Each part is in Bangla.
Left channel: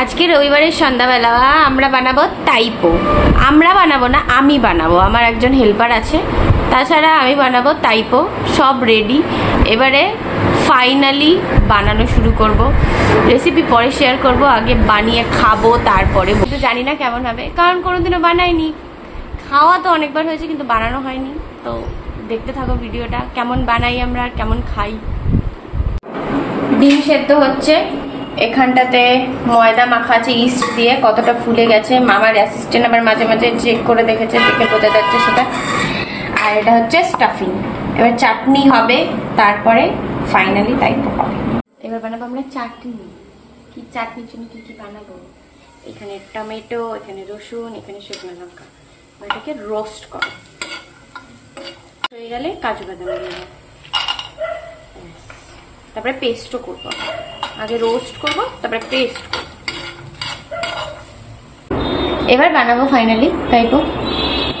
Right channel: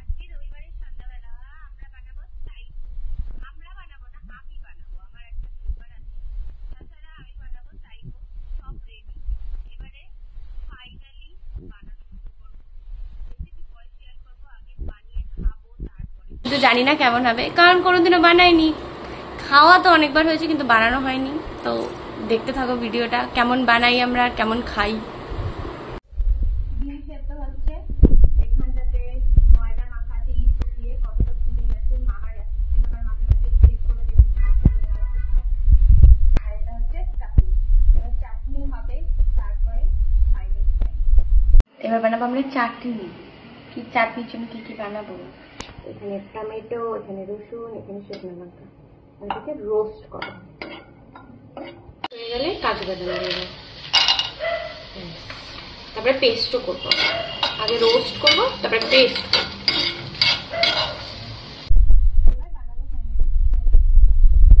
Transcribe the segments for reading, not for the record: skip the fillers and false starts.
আজকে রবিবারের সন্ধ্যাবেলা আমরা বানাবো তাইপো। আমরা বানাবো না, আমি বানাবো, আমার একজন হেল্পার আছে, তাছাড়া আমি বানাবো তাইপো। সব রেডি, এবারে ফাইনালি বানানো শুরু করব। রেসিপি পরে শেয়ার করব, আগে বানিয়ে খাবো তারপরে। কিন্তু জানি না কেমন হবে, কারণ কোনোদিনও বানাইনি। খাওয়া তো অনেকবার হয়েছে কিন্তু বানানো হয়নি। তো দেখতে থাকো ভিডিওটা, কেমন বানাই আমরা আর কেমন খাই। ডিম সেদ্ধ হচ্ছে, এখানটাতে ময়দা মাখা আছে ইস্ট দিয়ে, কতটা ফুলে গেছে মামার অ্যাসিস্ট্যান্ট আবার মাঝে মাঝে চেক করে দেখেছে, দেখে বোঝা যাচ্ছে সেটা। আর এটা হচ্ছে স্টাফিং। এবার চাটনি হবে, তারপরে ফাইনালি তাইপো হবে। এবার বানাবো আমরা চাটনি। কি চাটনির জন্য কি কি বানাবো, এখানে টমেটো, এখানে রসুন, এখানে শুকনো লঙ্কা। এটাকে রোস্ট করো, হয়ে গেলে কাজু বাদাম দিয়ে দেবো, তারপরে পেস্টও করবো। আগে রোস্ট করবো, তারপরে পেস্ট করবো। এবার বানাবো ফাইনালি তাইপো।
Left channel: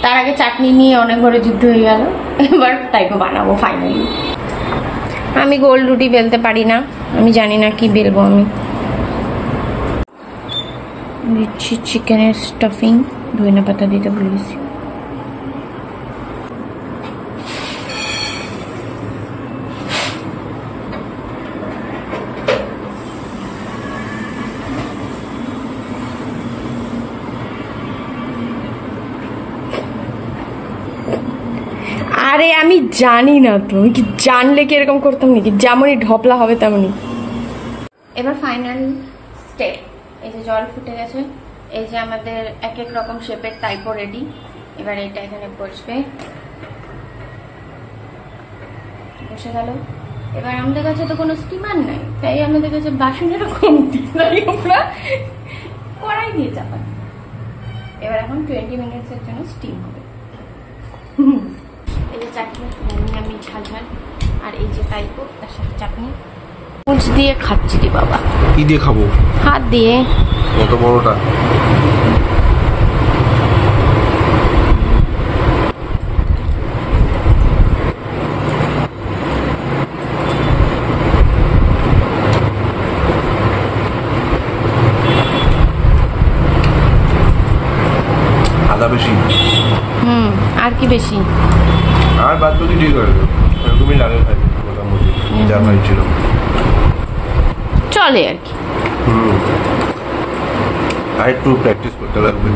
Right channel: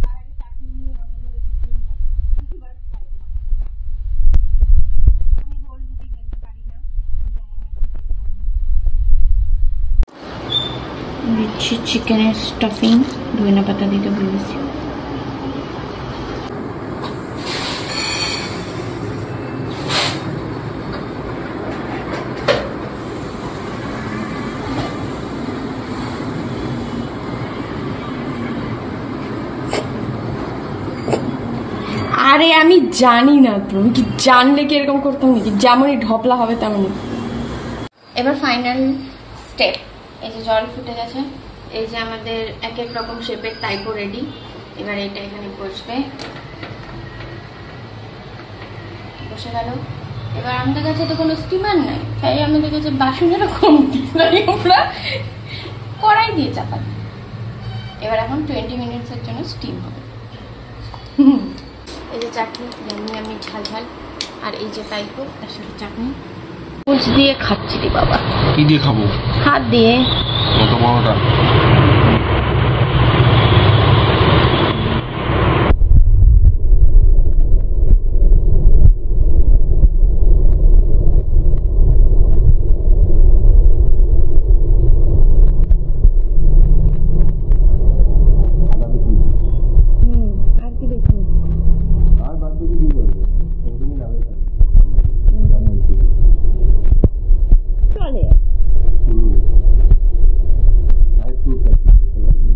তার আগে চাটনি নিয়ে অনেক ঘরে যুদ্ধ হয়ে গেল, এবার তাইপো বানাবো ফাইনালি। আমি গোল রুটি বেলতে পারি না, আমি জানি না কি বেলবো। আমি দিচ্ছি চিকেনের স্টাফিং, ধনিয়া পাতা দিতে বলেছি। আরে আমি জানি না তো, আমি কি জানলে কি এরকম করতাম নাকি? যেমনই ঢপলা হবে তেমনই। এবার ফাইনাল স্টেপ, এই যে জল ফুটে গেছে, এই যে আমাদের এক এক রকম শেপের তাইপো রেডি। এবার এটা এখানে বসবে, বসে গেল। এবার আমাদের কাছে তো কোনো স্টিমার নাই, তাই আমাদের কাছে বাসন এরকম আমরা কড়াই দিয়ে চাপাই। এবার এখন 20 মিনিটসের জন্য স্টিম হবে। এই যে চাটনি জানি আমি ঝাল ঝাল, আর এই যে তাইপো তার সাথে চাটনি। মুচ দিয়ে খাচ্ছি রে বাবা। কি দিয়ে খাবো? হাত দিয়ে। এত বড়টা? আদা বেশি? আর কি বেশি? আর বাদ বাকি ঠিক করে দেবো, এরকমই লাগে খাই মোটামুটি যা খাইছিল, চলে আর কি। আর একটু প্র্যাকটিস করতে লাগবে।